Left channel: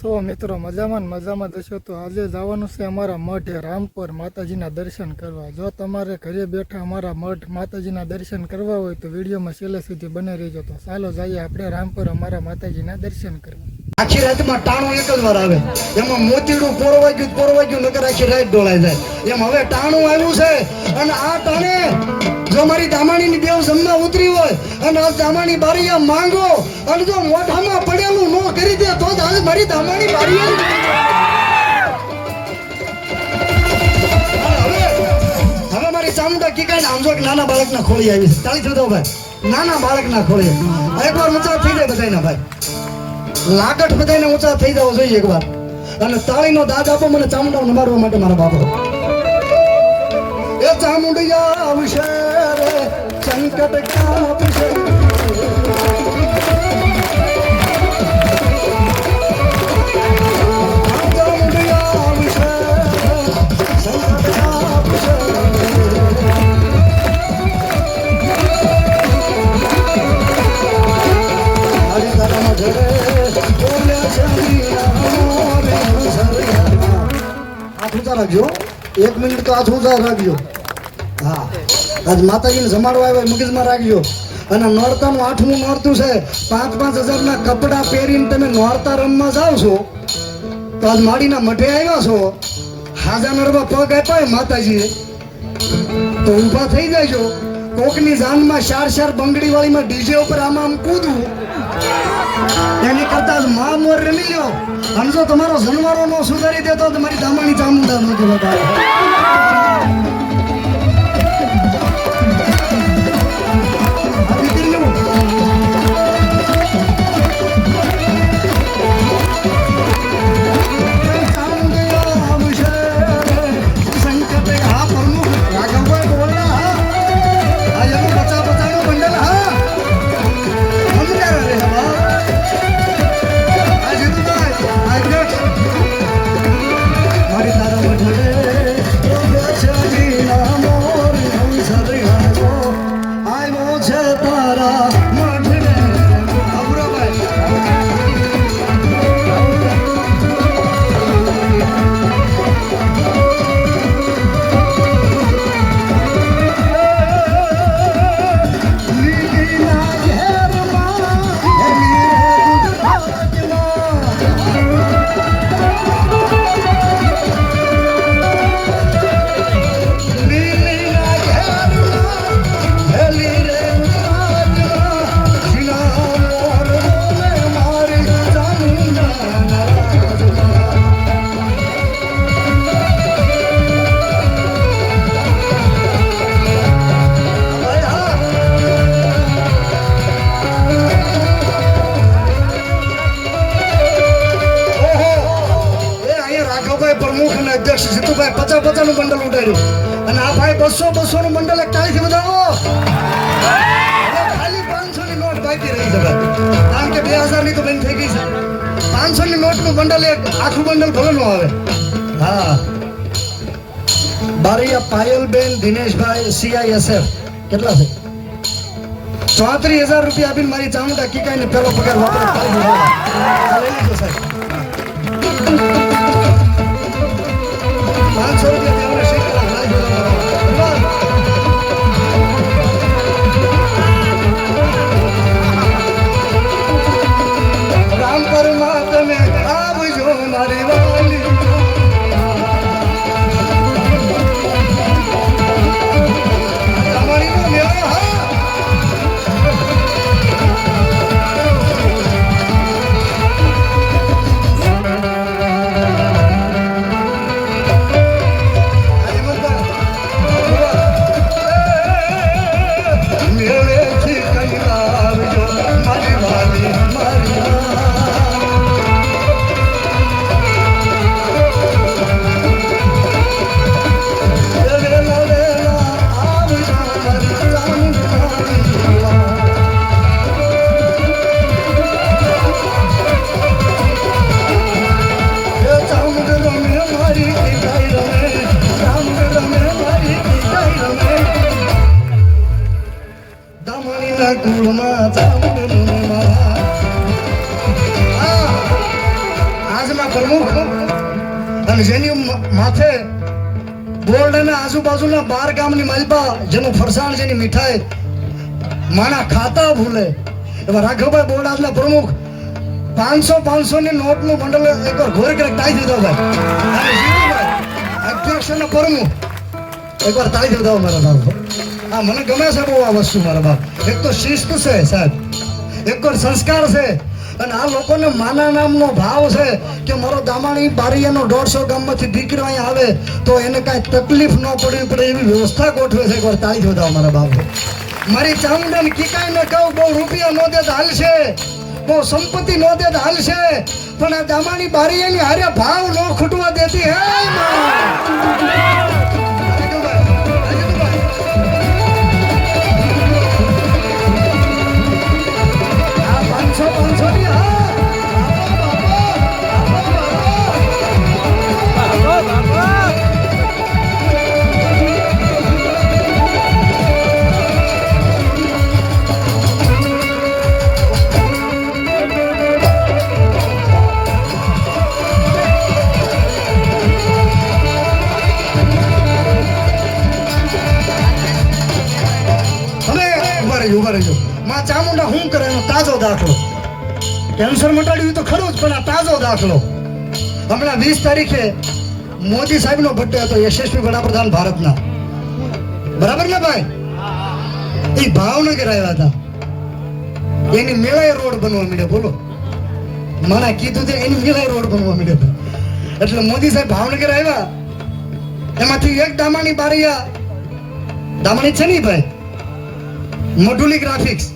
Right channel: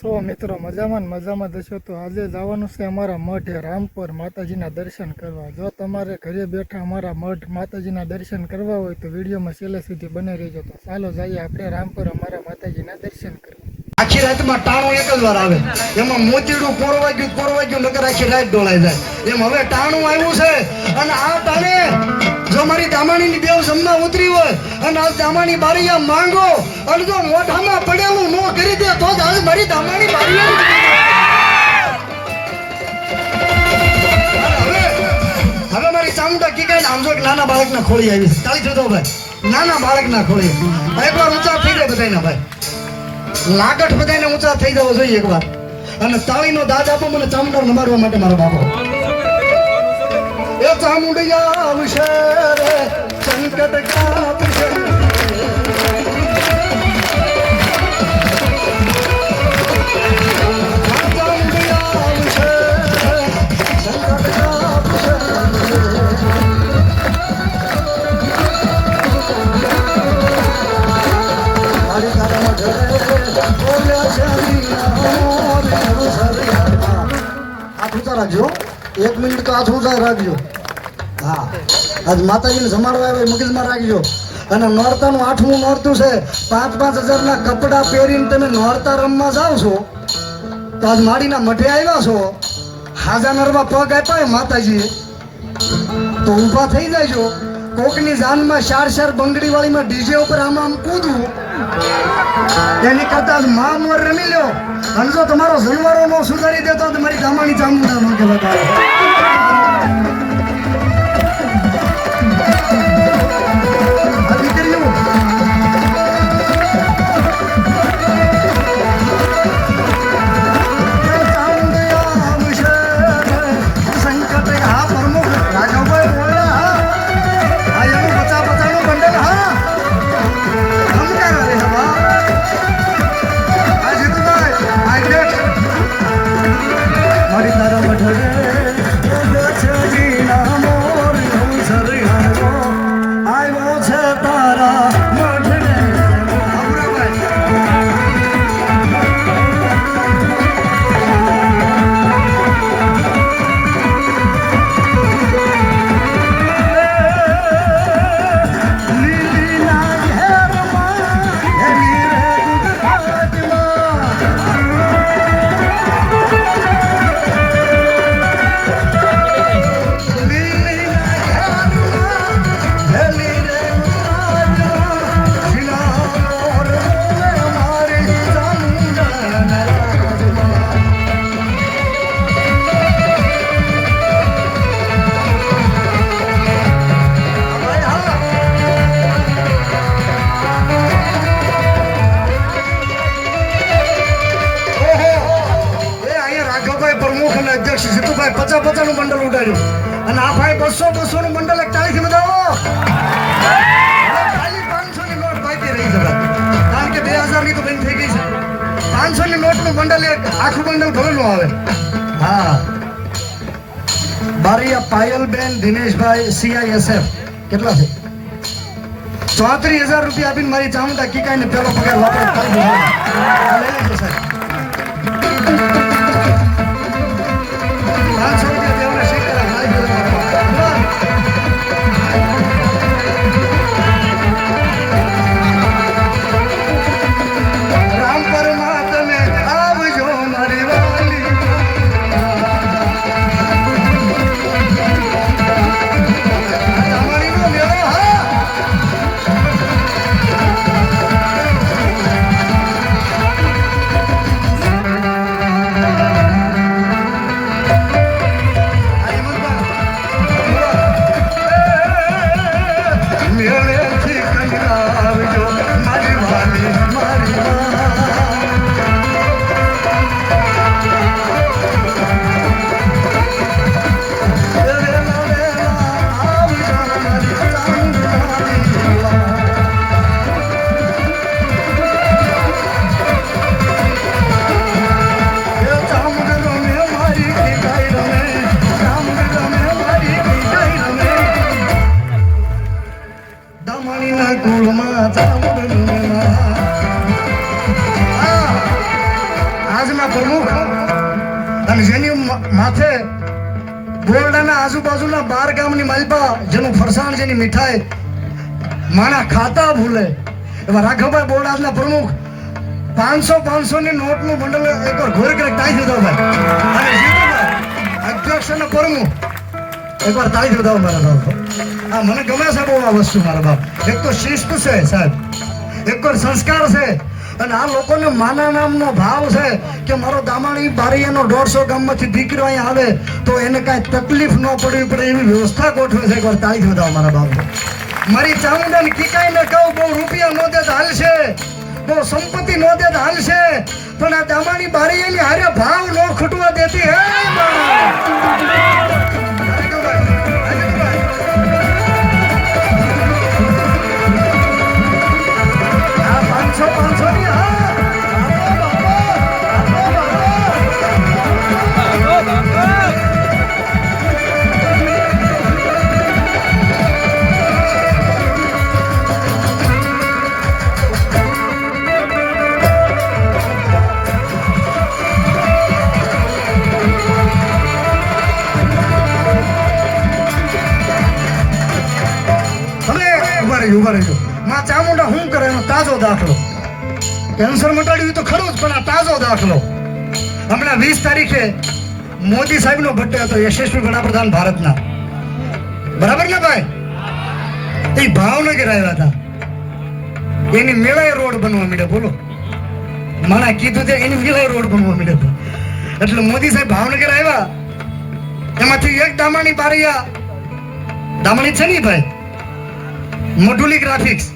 છો મિત્રો? મજામાં દશો તો આજે જવાનું છે અમારા મઠે રામપર માતાજીના દર્શન કરવા। જો તમારે ઘરે બેઠા અમારા મઠ માતાજીના દર્શન કરવા હોય તો વિડીયોમાં છેલ્લે સુધી બને રહેજો। તો ચાલો જઈએ આપણે રામપર અમારા માતાજીના દર્શન કરવા। આખી રાતમાં ટાણો એક જ વાર આવે, એમાં મોતીડું પોરવાજ્યું નકર આખી રાત ડોળાઈ જાય। એમ હવે ટાણું આવ્યું છે અને આ ટાણે જો મારી દામાણીની બેવ જમના ઉતરી હોય અને આ દામાણી બારીયા માંગો અને જો મોઢામાં પડેલું નો કરી દે તો જ આજ મારી દામાણી બારીયા હવે મારી ચામુંડા કીકાઈને આમ જો નાના બાળકના ખોળી આવી છે। તાળી થતો ભાઈ, નાના બાળકના ખોળી એકવાર ઊંચા થઈ જાય બધાના ભાઈ, લાગટ બધાને ઊંચા થઈ જવો જોઈએ એકવાર। અને તાળીનો દાજ આપો મને ચામુંડા નમાડવા માટે મારા બાપો। એ ચામુંડિયા આવશે રે સંકટ કાપશે, રાખજો 1 મિનિટ તો હાથ ઊંચા રાખજો। હા, આજ માતાજીને જમાડવા આવ્યા મગજમાં રાખજો। અને નોરતાનું 8મું નોરતું છે, 5,000 ના કપડા પહેરીને તમે નોરતા રમવા જાવ છો તો આજ માડીના મઠે આવ્યા છો, હાજા નરવા પગ આપ્યા માતાજીએ તો ઊભા થઈ જાયજો। કોકની જાનમાં 4 બંગડી વાળીમાં ડીજે ઉપર આમ કૂદવું એની કરતા મા મોર રમી લ્યો। અને જો તમારો જનવારો નો સુધારી દેતો તો મારી દામાની ચામુંડા માંગે બતાવે। અધ્યક્ષ જીતુભાઈ 50 નું બંડલ ઉડાડ્યું અને આ ભાઈ 200 નું બંડલ એક તારીખથી બતાવો। ખાલી 500 ની નોટ બાકી રહી જગત, કારણ કે 2000 ની તો બંધ થઈ ગઈ છે। 500 ની નોટ નું બંડલ એક આખું બંડલ ભરેલું આવે। હા, બારીયા પાયલબેન દિનેશભાઈ CISF કેટલા છે? 34,000 રૂપિયા આપીને મારી ચામુંડા કીકાઈને પેલો પગાર વાપરે લઈ લેજો સાહેબ। અને જેની માથે બોરડાના આજુબાજુના 12 ગામની માલપા જેનું ફરસાણ જેની મીઠાઈ માણા ખાતા ભૂલે એવા રાઘવભાઈ બોરડાના પ્રમુખ 500 ની નોટનું બંડલ એકવાર ઘોર કરે ટાઈ દીધો ભાઈ. અને જીતુભાઈ અધ્યક્ષના પ્રમુખ એકવાર તાળી દીધો મારા બાપ. આ મને ગમે છે બહુ આ વસ્તુ મારા બાપ. એક તો શિસ્ત છે સાહેબ, એકવાર સંસ્કાર છે, અને આ લોકોને માના નામનો ભાવ છે કે મારો દામાણી બારીયાનો 150 ગામમાંથી દીકરો અહીંયા આવે તો એને કાંઈ તકલીફ ન પડવી પડે એવી વ્યવસ્થા ગોઠવે છે. એકવાર તાળી દીધો મારા બાપ. મારી ચામુંડાને કીકાઈને કહું બહુ રૂપિયા નો દે તો હાલશે, બહુ સંપત્તિ નો દે તો હાલશે, પણ આ દામાણી બારીયાની હારે ભાવ ન ખૂટવા દેતી હે ઉભા રહેજો. માં ચામુંડા શું કરે એનો તાજો દાખલો. કેન્સર મટાડ્યું તો ખરું જ, પણ આ તાજો દાખલો. હમણાં 20 તારીખે મોદી સાહેબનો બર્થડે હતો, યશસ્વી વડાપ્રધાન ભારતના, બરાબર ને ભાઈ? એ ભાવનગર આવ્યા હતા, એની મેળાએ રોડ બનવા માંડ્યો. બોલો, મને કીધું છે એની મેળાએ રોડ બનવા માંડ્યો. એટલે મોદી સાહેબ ભાવનગર આવ્યા, એમાંથી એક દામાણી બારીયા, દામાણી છે ને ભાઈ, મઢુલી ગ્રાફિક્સ,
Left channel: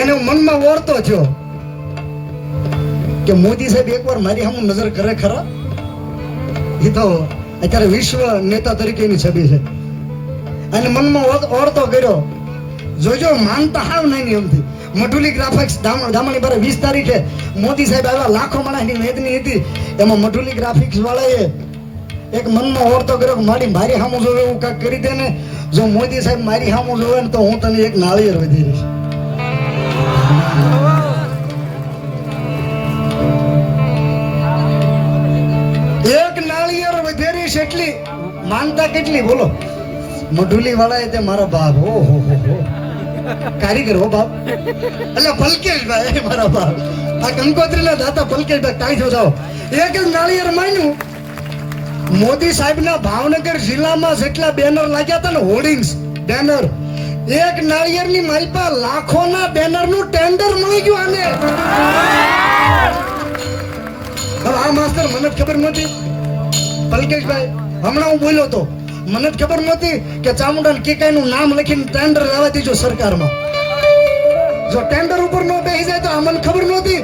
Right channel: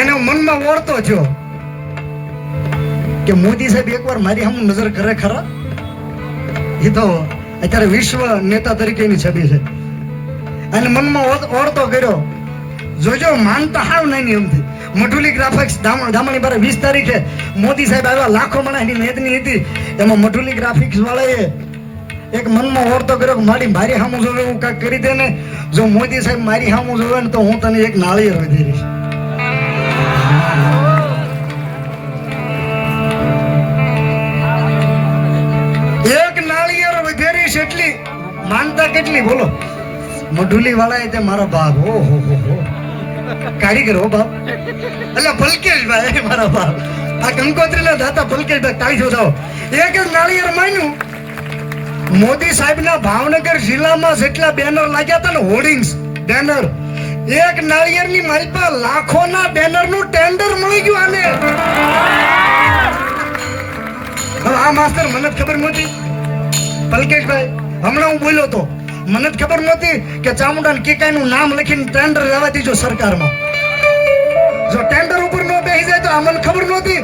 એને મનમાં ઓળતો થયો કે મોદી સાહેબ એકવાર મારી સામે નજર કરે ખરા. એ તો અત્યારે વિશ્વ નેતા તરીકેની છબી છે, અને મનમાં ઓળતો કર્યો. જોજો, માનતા હાવ નહીં એમથી. મઢુલી ગ્રાફિક્સ દામણી બારે 20 તારીખે મોદી સાહેબ આવ્યા, લાખો માણસની મેદની હતી. એમાં મઢુલી ગ્રાફિક્સ વાળાએ એક મનમાં ઓળતો કર્યો કે મારી સામું જોવે એવું કાંઈક કરી દે ને. જો મોદી સાહેબ મારી સામું જોવે ને તો હું તને એક નાળિયેર વધી રહીશ. એક નાળિયેર વધેરીશ એટલી માનતા કેટલી બોલો. મઢુલી વાળાએ તે મારા બાપ, ઓહો કારીગર હો બાપ, એટલે પલકેશભાઈ મારા બાપ, આ કંકોત્રીના દાતા પલકેશભાઈ તાળી જોડાવો. એક જ નાળિયેર માન્યું. મોદી સાહેબના ભાવનગર જિલ્લામાં જેટલા બેનર લાગ્યા હતા ને, હોર્ડિંગ્સ બેનર, એક નાળિયેરની માલપા લાખોના બેનરનું ટેન્ડર મળી ગયું આને. હવે આ માસ્તર મને જ ખબર નહોતી, પલકેશભાઈ હમણાં હું બોલ્યો તો, મને જ ખબર નહોતી કે ચામુંડા કેકાઈનું નામ લખીને ટેન્ડર લેવા દીધો સરકારમાં. જો ટેન્ડર ઉપર ન બેસી જાય તો આ મને ખબર નહોતી,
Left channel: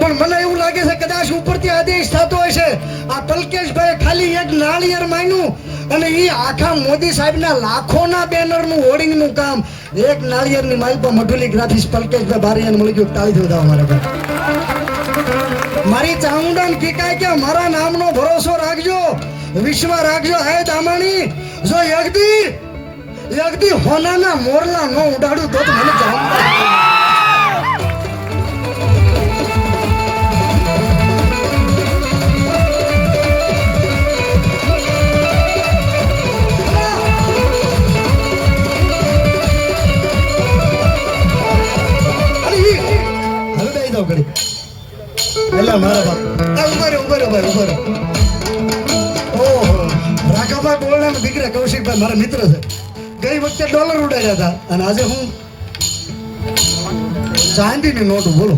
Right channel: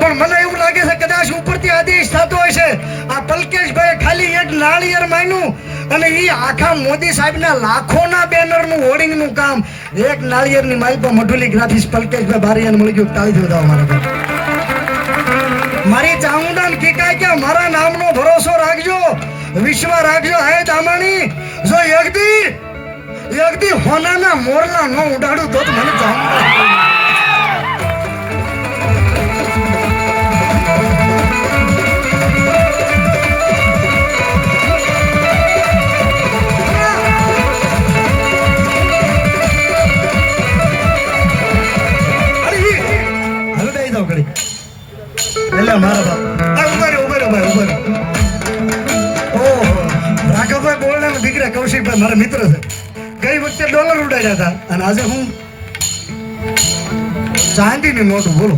પણ મને એવું લાગે છે કદાચ ઉપરથી આદેશ થતો હશે. આ પલકેશભાઈ ખાલી એક નાળિયેર માન્યું, અને એ આખા મોદી સાહેબના લાખોના બેનરનું હોર્ડિંગનું કામ એક નાળિયેરની માલપા મઢુલી ગ્રાફિક્સ પલકેશભાઈ બારીયાને મળી ગયું. તાળી દેવા મારા. મારી ચામુંડાને કીકાય કે મારા નામનો ભરોસો રાખજો, વિશ્વ રાખજો. હે દામાણી, જો એકદી હોનાના મોરલા ન ઉડાડું તો મને ચામુંડા. એટલે મારા બાપ ઉભા ભાઈ. ઓહો, રાઘવભાઈ બોલના દીકરા કૌશિકભાઈ મારા મિત્ર છે. ગઈ વખતે ડોલર ઉડાડ્યા હતા, અને આજે હું ચાંદીની નોટ. બોલો,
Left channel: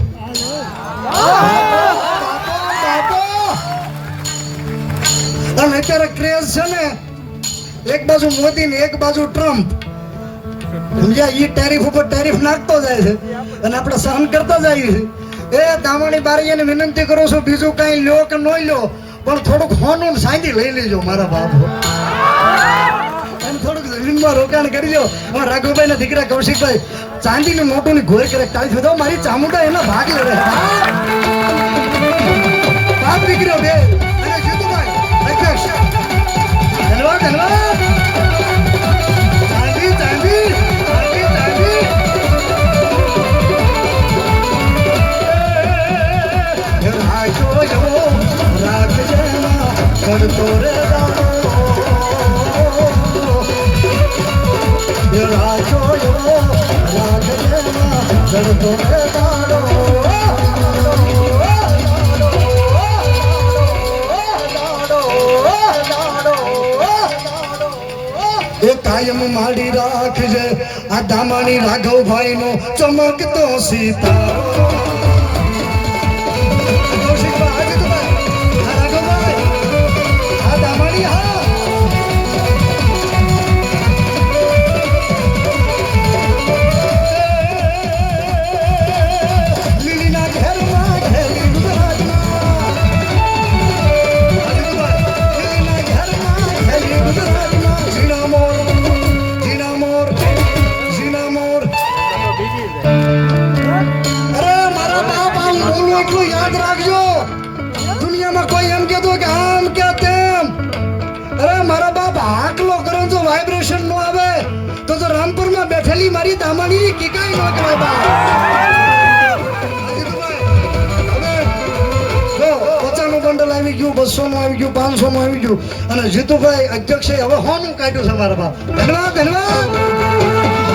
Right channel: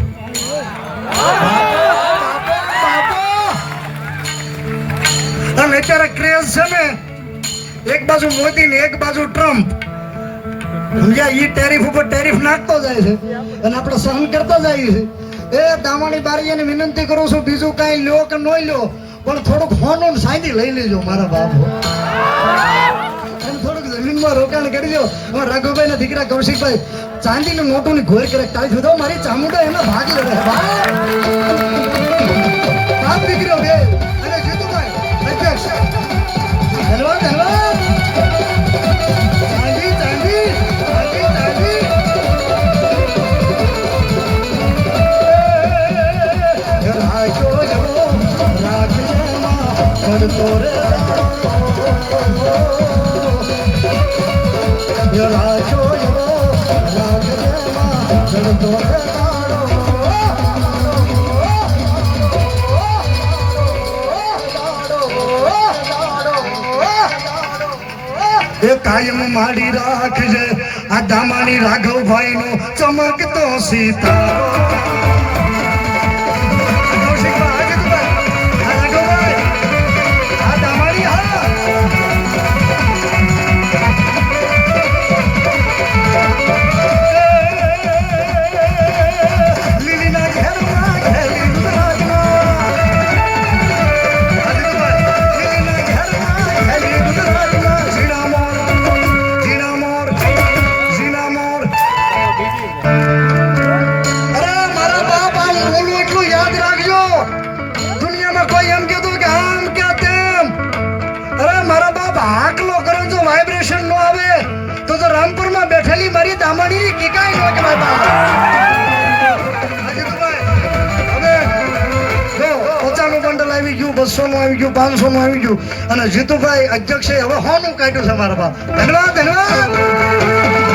અને અત્યારે ક્રેઝ છે ને, એક બાજુ મોદી ને એક બાજુ ટ્રમ્પ. ઈ ટેરિફ ઉપર ટેરિફ નાખતો જાય છે, અને આપણે સહન કરતા જઈએ છીએ. એ દામાણી બારીયાને વિનંતી કરું છું, બીજું કાંઈ લ્યો કે ન લ્યો, પણ થોડુંક હોનું સાંધી લઈ લેજો મારા બાપુ, અને થોડુંક જમીનમાં રોકાણ કરી લો. રાઘુભાઈ ના દીકરા કૌશિકભાઈ ચાંદીનું મોટું ની ઘોર કરે ટાઈ થતો. મારી ચામુંડા એના ભાગ લે બાપ દીકરીઓ બે. રાખજો, રાખજો. ચડતો રે એ રાજો રાગ ચડતો રે એ કાયમ માડી રાખજે આ દામાની રાઘવભાઈ નો ચમકતો સિતારો મારી દામણી કે કાઈ ન કરાય પચાસનું બંડલ આવી ગયું 200 નું આવી ગયું 500 નું આવી ગયું અને જીતુભાઈ અધ્યક્ષે હવે 100 નું કાઢ્યું છે મારા બાપ ધન્યવાદ ધન્યવાદ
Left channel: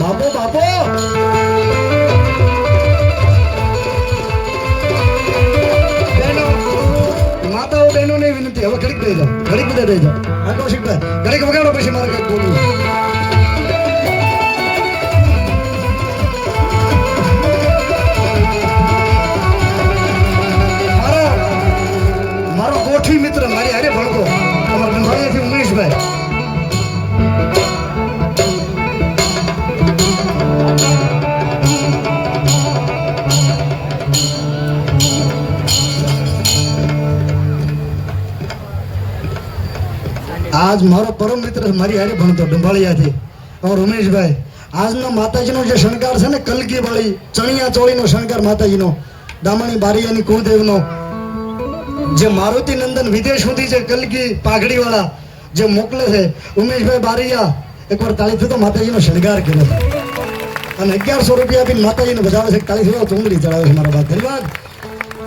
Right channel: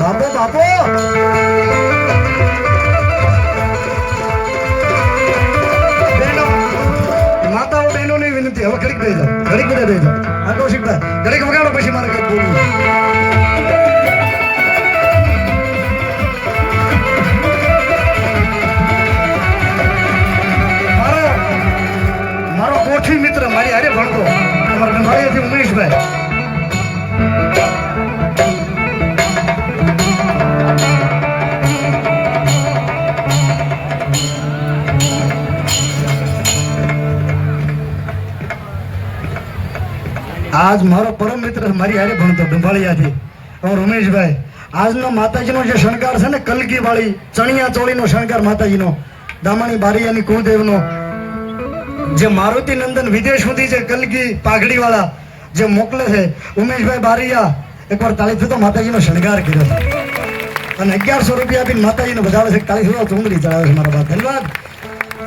બાપો બાપો માતાઓ બહેનો ની વિનંતી હવે ઘડીક દઈ જાઓ ઘડીક બધા દઈ જાઓ આટલો શીખતા ઘડીક વગાડો પછી મારે કઈ બોલવું મારો ગોઠવી મિત્ર મારી હારે ભણતો અમારા મારીથી ઉમેશભાઈ આજ મારો પરમ મિત્ર મારી હારે ભણતો ડુંભાળિયાથી અમારો રમેશભાઈ આજનો માતાજીનો જે શણગાર છે ને કલગી વાળી ચણિયા ચોળીનો શણગાર માતાજીનો દામાણી બારિયાની કુળદેવનો જે મારુતિ નંદન વિદેશ સુધી જે કલગી પાઘડી વાળા જે મોકલે છે ઉમેશભાઈ બારિયા એકવાર તાળીથી તો માતાજીનો શણગાર કર્યો અને 1100 રૂપિયા આપીને માતાજીને બજાવે છે તાળીથી ચુંદડી ચડાવે છે મારા બાપ ધન્યવાદ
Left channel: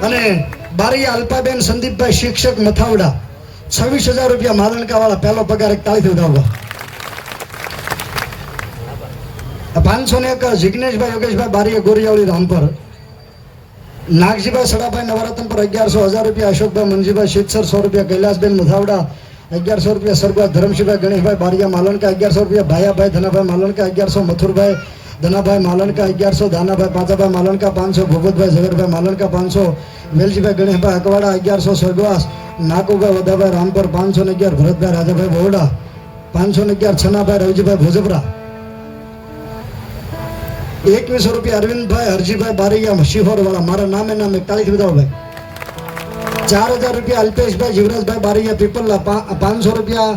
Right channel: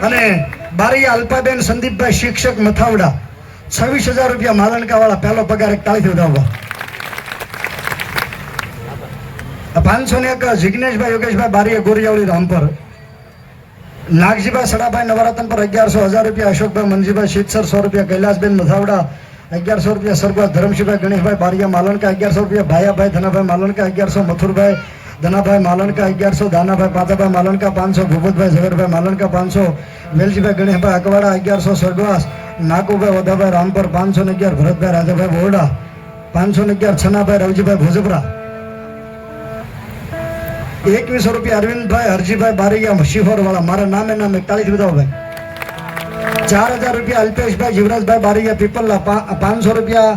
અને બારિયા અલ્પાબેન સંદીપભાઈ શિક્ષક મથાવડા 26,000 રૂપિયા માલણકા વાળા પહેલો પગાર એક તાળીથી ઉડાવવા 501 જિગ્નેશભાઈ યોગેશભાઈ બારીયા ગોરિયાવળી રામપર નાગજીભાઈ સડાભાઈ નવરત્ન પર 1100 રૂપિયા અશોકભાઈ મંજીભાઈ શીતસર 100 રૂપિયા કૈલાસબેન મથાવડા 1100 રૂપિયા સરગવા ધરમશીભાઈ ગણેશભાઈ બારિયા માલણકા 1100 રૂપિયા ભાયાભાઈ ધનાભાઈ માલણકા 1100 મથુરભાઈ ધનાભાઈ માલણકા 1100 દાનાભાઈ પાંચાભાઈ માલણકા 500 ભૂપતભાઈ ઝવેરભાઈ માલણકા 500 વેલજીભાઈ ગણેશભાઈ અકવાડા 1100 સ્વર્ગવાસ નાકુભાઈ વદાભાઈ રામપર 511 ભરતભાઈ રાજાભાઈ બોરડા 511 છનાભાઈ રવજીભાઈ ભોજપરા 2100 રૂપિયા અરવિંદભાઈ હરજીભાઈ બારૈયા શિહોર વાળા મારા નામે નામે તાળીથી બતાવો ભાઈ 4000 રૂપિયા અલ્પેશભાઈ જીવરાજભાઈ બારૈયા પીપલ્લા 500 રૂપિયા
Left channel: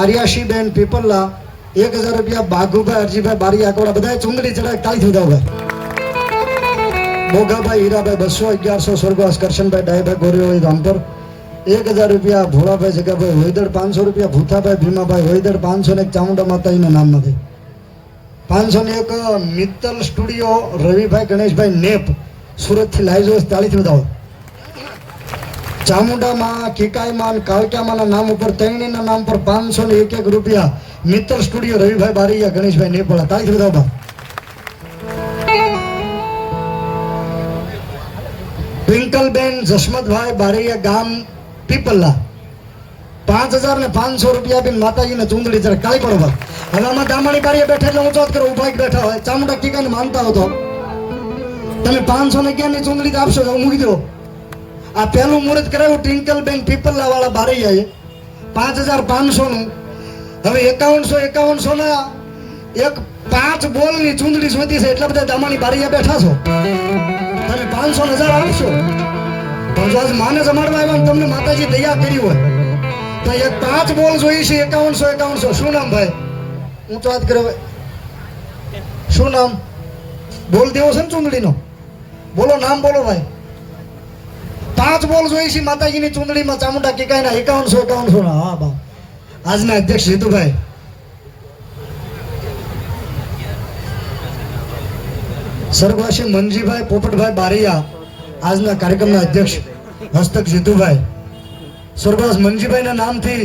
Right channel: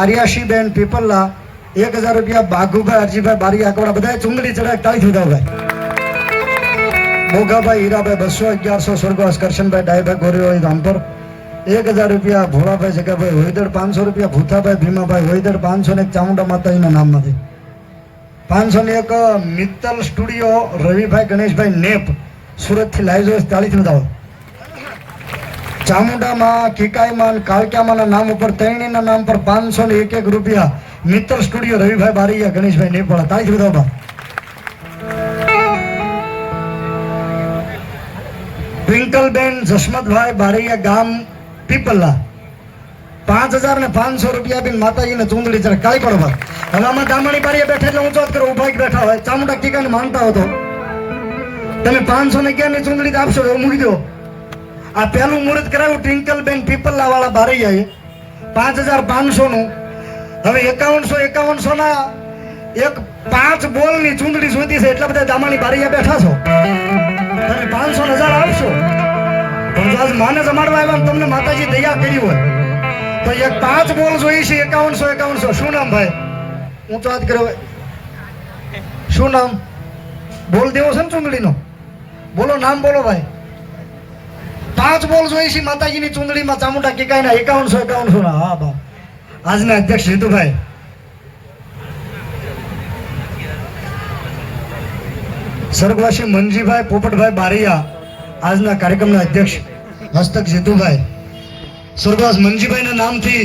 આર્યાશીબેન પીપલ્લા 1000 રૂપિયા બાઘુભાઈ હરજીભાઈ બારૈયા અકવાડા બધા ચુંદડી ચડાય તાળીથી બતાવો ભાઈ મોગાભાઈ હીરાભાઈ 200 1100 સ્વર્ગવાસ કરશનભાઈ ડાયભાઈ ગોરીવાળી રામપર 1000 રૂપિયા ભોળાભાઈ જગાભાઈ વૈદડ 500 રૂપિયા ભૂતાભાઈ ભીમાભાઈ વૈદડ 500 ને ચામુંડા માતાજીના નામમાંથી 501 મિત્તલ સ્ટુડિયો રવિભાઈ ગણેશભાઈ નેપ સુરત થી લાઈવ જોઈશ તાળીથી બતાવો ચામુંડામાં, કીકાઈમાં, કાળક્યામાં નામ ઉપર ત્રણેયના નામ પર 501 રૂપિયા મિત્ર સ્ટુડિયો રવિભાઈ બારૈયા, ગણેશભાઈ નેપાળ. તાળી બધામાં. ટ્વિંકલબેન જસમતભાઈ બારૈયા, ગામ પીપલ્લા, 5500 રૂપિયા આપીને માતાજીને ચૂંદડી ચડે. કાળી પડવા હવે આમાં દામાણી બારીએ બેઠા એટલે ઊંચો જ કરો, ઉભા બેઠા હોય. ચામુંડા કીકાને માનતા હો તો તમે 511 ની ચૂંદડી આપશો તો મૂકી દો. આ પહેલું મુહૂર્ત કરાવ્યું ટ્વિંકલબેન પીપલ્લા વાળા બારૈયાએ 5500 નું. હવે 5100 ના એક 5 બોલની ચૂંદડી શોધી છે, એટલા બધા દામાણી બારૈયા બેઠા છો. તમે 500,000 આપશો પણ જો આજ માને જમાડવા આવ્યા ને તમને માતાજી દયા કરી હોય તો એક 5 બોલ જોઈ છે. 5100. શું નામ ભાઈ? હું તો વાત કર્યો. શું નામ? બોલ દેવો છે ને ચૂંદડીનો? બોલો નામ બોલો ભાઈ. 5 બોલ જોઈ છે માતાજીની ચૂંદડીમાં ચામુંડા કીકાઈના 5100 ના. હા બા. આજના અધ્યક્ષ જીતુભાઈ, સ્વર્ગવાસી મનજીભાઈ પોપટભાઈ બારૈયા, આજના કાર્યક્રમના અધ્યક્ષ હસ્તક જીતુભાઈ, સ્વર્ગવાસ મનજીભાઈના નામથી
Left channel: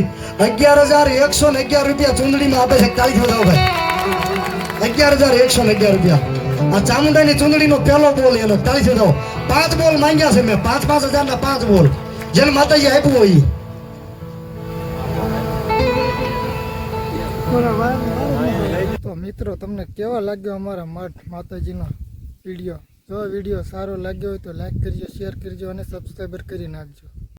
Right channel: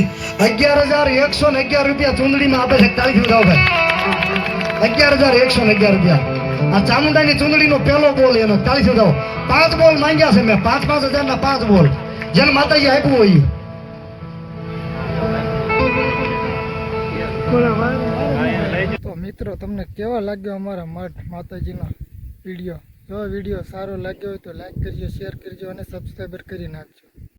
11,111 રૂપિયા ચૂંદડીમાં આપે છે. તાળી બધાઓ ભાઈ. 11,111 રૂપિયા આ ચામુંડાની ચૂંદડીનો પહેલો બોલ એનો. તાળી બધાઓ. 5 બોલ માંગ્યા છે મેં. 5,000 ના 5 બોલ જેને માતાજી આપ્યું હોય. તો મિત્રો, તમને કેવા લાગ્યો અમારા મઠ માતાજીનો વિડીયો? જો વિડીયો સારો લાગ્યો હોય તો લાઈક કરજો, શેર કરજો અને સબસ્ક્રાઈબર કરી નાખજો.